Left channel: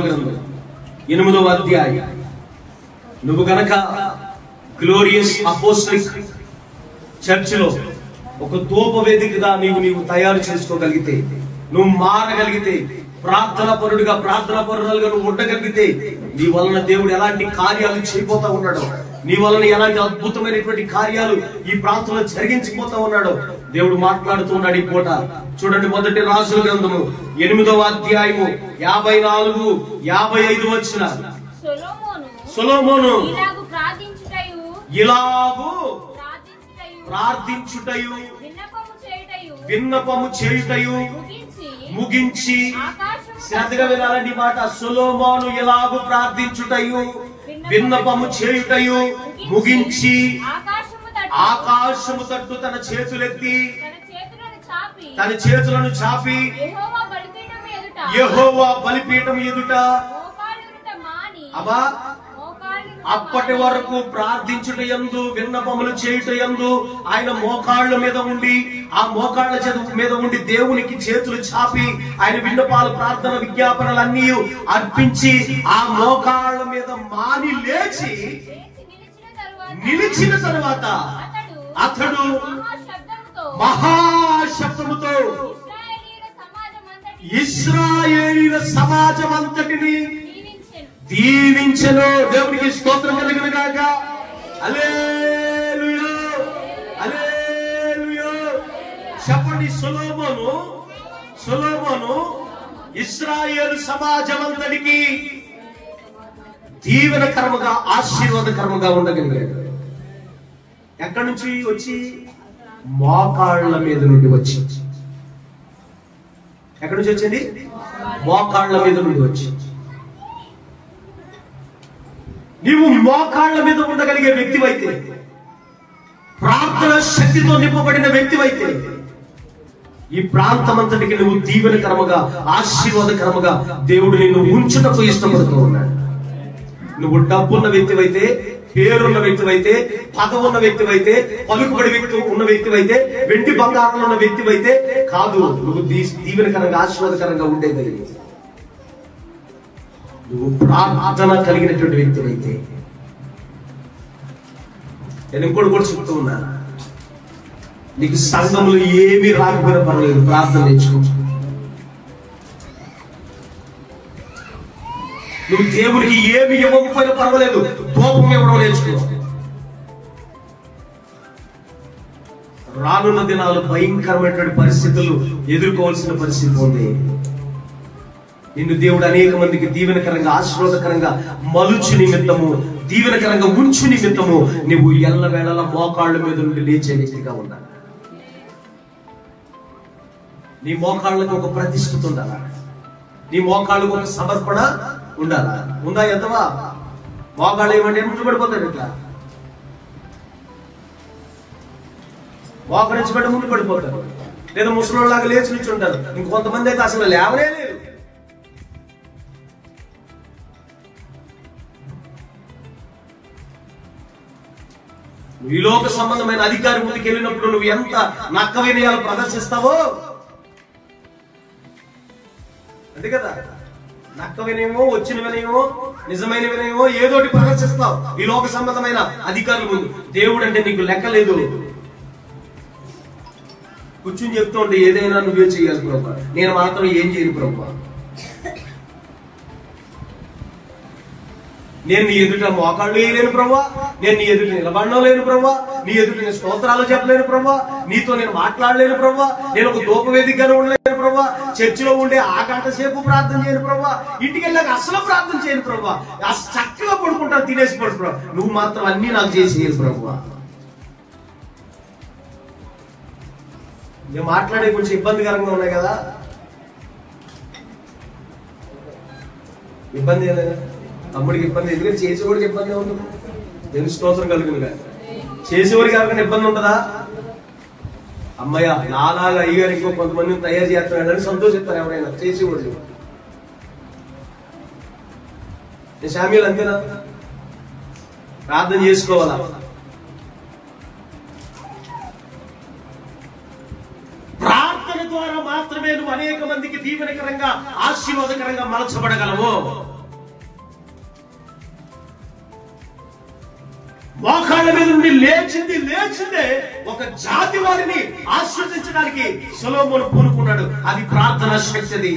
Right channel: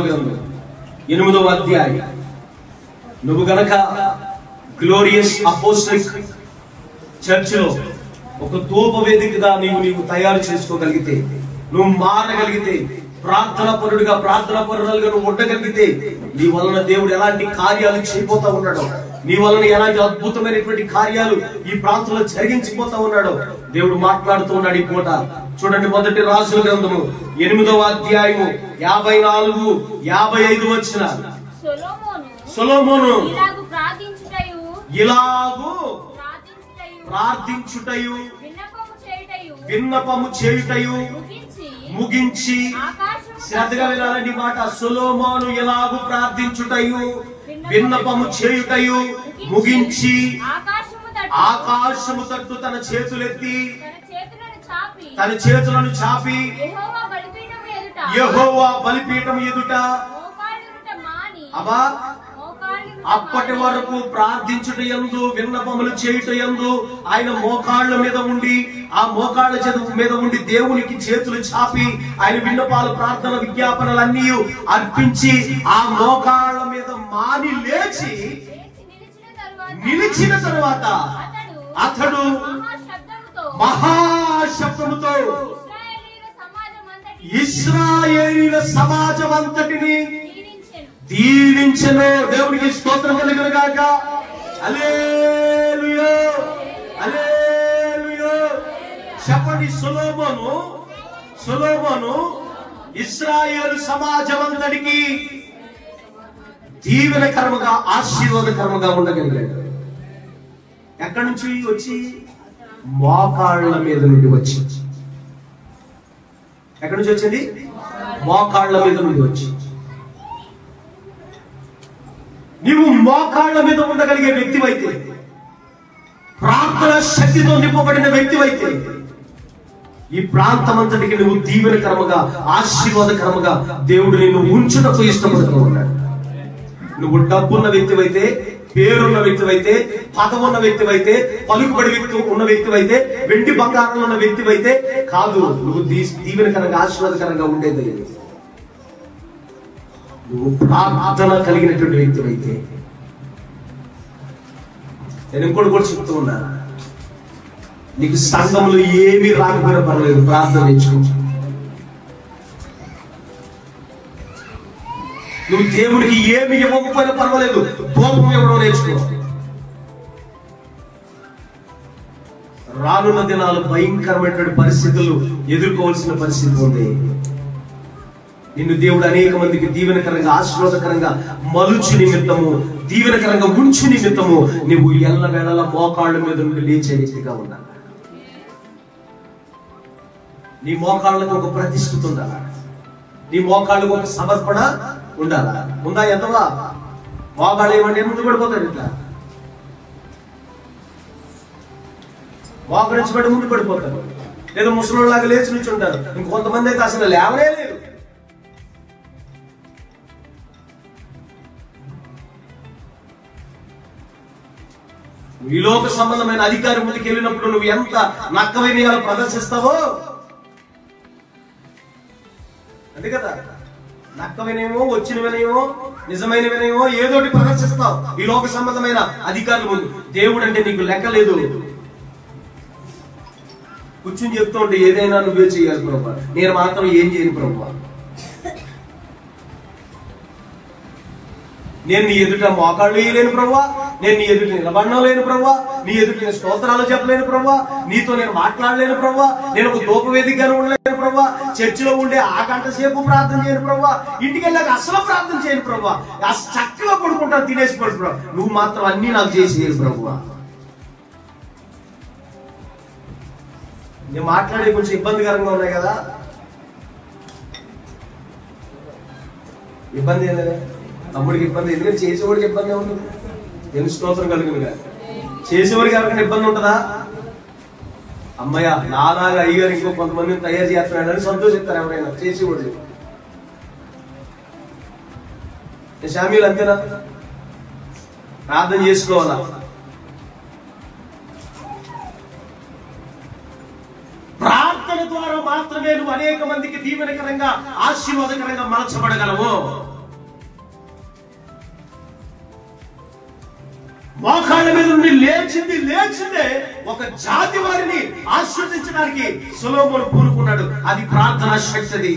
రాజుల గ్రంథం 8వ అధ్యాయం. నువ్వు గనక గ్లోరియస్ అపోస్టలిక్ చర్చిలో ఒక ధూపవేదికగా నీవు తయారు చేసుకోగలిగితే, నువ్వు మారగలిగితే, ప్రార్థనా పరులుగా నువ్వు ఉండగలిగితే, నీ వలన దేవుడు ఎలాంటి కార్యాలు చేయబోతా ఉన్నాడో, నీ వలన ఎలాంటి అద్భుతమైనటువంటి కార్యాలు ఈ ప్రాంతంలో జరిగించిపోతా ఉన్నాడో దేవుడు మాట్లాడుతూ ఉన్నాడు ఈ పూట. చూడండి, మొదటి రాజుల గ్రంథము 8వ అధ్యాయము 54-55 వచ్చిన. సొలొమోను ఇలాగు ప్రార్థించుటయు విన్నపము చేయుటయు ముగించి, శ్రద్ధగా వినాలండి మాట. సొలొమోను ఎలాగు ప్రార్థించుటయు విన్నపము చేయుటయు ముగించి ఆకాశము తట్టు తన చేతులను చాపి యెహోవా బలిపీఠం ఎదుట అప్పటి వరకు ప్రార్థించుటయందు విన్నపములు చేయుటయందు ఆయన మోకాళ్ళ మీద ఉండి, ఆ మోకాళ్ళ మీద ఉండి దేవునికి చేతులు చాపి ఆయన విన్నపాలు, ప్రార్థన, విజ్ఞాపనలన్నీ అర్పించి ఆ మోకాళ్ళ మీద మాని లేచి నిలిచిన తరువాత అతడు మహాశబ్దముతో ఇశ్రాయేలీయుల సమాజం అంతటిని దీవించెను. దేవునికి స్తోత్రం కలుగును గాక. హల్లెలూయా, హల్లెలూయా. చెప్పండి, సొలొమోను ఇశ్రాయేలు సమాజం అంతటికి దీవెనకరముగా, ఆశీర్వాదకరముగా ఉండగలిగాడు. ఎక్కడి నుంచి వచ్చి? మోకాళ్ళ మీద నుండి వచ్చి. ఎక్కడి నుంచి వచ్చింది? మోకాళ్ళ మీద నుండి వచ్చి. నీవు మోకాళ్ళ మీద ఉండగలిగే వ్యక్తివైతే, ప్రార్థన శక్తితో నింపబడిన వ్యక్తివైతే, ఈ ప్రాంతమంతటికి నువ్వు దీవెనకరముగా, ఆశీర్వాదకరముగా దేవుడు నిన్ను ఉంచుటకు ఇష్టపడుతూ ఉన్నాడు. నువ్వు డబ్బున్న వ్యక్తివైతే, పేరున్న వ్యక్తివైతే, పదవున్న వ్యక్తివైతే, పలుకుబడి ఉన్న వ్యక్తివైతే, వెండి బంగారంలో ఉన్న వ్యక్తివైతే కాదు. నువ్వు దీవెనకరంగా, ఆశీర్వాదకరంగా ఉండేది నువ్వు ప్రార్థన కలిగినటువంటి వ్యక్తివైతే. నేను ఇంకోటి కూడా చెప్తూ ఉన్నా, నీకు సంఘంలో ఏమీ రాకపోయినా పర్వాలేదు, ప్రార్థన నేర్చుకో. నువ్వు దేవునికి ఏమి ఇవ్వకపోయినా పర్వాలేదు, కోపం ఇవ్వడం నేర్చుకో. రానున్న దినాలు భయంకరమైనటువంటి పరిస్థితులు ఎదుర్కోవాల్సిన పరిస్థితి ఉంది. నిన్ను దేవుడు అనేక మందికి దీవెనకరంగా, ఆశీర్వాదకరంగా మలుచు నిమిత్తము, దీవెనకరంగా ఉంచు నిమిత్తము నువ్వు ఎల్లవేళలా మోకాళ్ళ మీద నుండి లేచే వ్యక్తిగా ఉండాలి. నీ మోకాళ్ళకు ఒక ప్రతిష్ఠిత ఉండాలా, నీ మోకాళ్ళకు ఒక సమర్పణ ఉండాలా. ఉందా? ఎంతవా మోకాళ్ళు ఏమంటే ముందు పడిపోతాడు, ఇట్లా మోకరించి పడి ముందు పడిపోతాడు, లేదా ముసలిలాగా లేచి నుంచి ఉంటారు. ఇంకొంతమంది అయితే అసలు లేవనే లేదు. ఈ లోక సంబంధమైన అధికారి ముందుకు వెళ్ళినప్పుడు నువ్వు ఎంత నక్కమైన ప్రదర్శిస్తావో, అంతే కదా. నక్కవినేమో, వచ్చిన వినయమో, నిజమైన వినయమో ఏదోటి ప్రదర్శిస్తావు ఈ లోక సంబంధమైన అధికారుల ముందు. దేవుడు అంటే నీకు లెక్క లేదు. కూర్చుని చెప్తూ ఉంటే ఏదైనా నువ్వే చేయాలి ప్రభు, నేను మాత్రం ఏం చేయను ప్రభు. నేను నీ ఎదుట మోకాళ్ళు వేయలేను ప్రభా, నేను నీ ఎదుట నిలబడడం లేను ప్రభా, నీ ఎదుట నేను స్తోత్రాలు చెప్పలేను ప్రభా, నీతో నేను మాట్లాడలేను ప్రభా, నేను ఒక ధూపవేదికగా ఉండలేను ప్రభా, చర్చిలో ఉండే ఆ గంట సేపు ప్రార్థన చేయను ప్రభా, ఇంటికి వెళ్ళాక అసలు ప్రార్థన చేయను ప్రభా, చక్కగా పడుకుంటాను, తినేసి పడు ప్రభా, నువ్వు మాత్రం అన్ని నాకు చేసి ప్రభా. నేను మాట్లాడే కొంచెం ఇబ్బందికరంగా ఉన్నాయి కదా, ఇబ్బంది ఏదైనా తమ్ముడికి ఇబ్బంది, ఎందుకంటే చేసేవాడికి ఇబ్బంది ఉంటుంది. ఎందుకు స్తోత్రం కలుగునుగా. చేసేవాడికి ఎవరికైనా ఇబ్బంది ఉంటుందా? అమ్మయ్య నాలాగా అయ్యారు ఇంకో కొంతమందిని తయారు చేస్తున్నాడని సంతోషిస్తారు ఎవరైనా చేసేవాడు. శామ్యులు అంతేనా? ప్రార్థన చేసుకోవాలా? ప్రార్థన ద్వారా మాత్రమే నువ్వు అనేక మందికి దీవెనకరంగా, ఆశీర్వాదకరంగా మార్చబడగలవు. మోకాళ్ళ మీద నుండి లేచిందే ఒక జాతి వారిని ఆశీర్వదించడానికి సొలొమోను పూనుకున్నాడు. అది ప్రార్థనా శక్తి.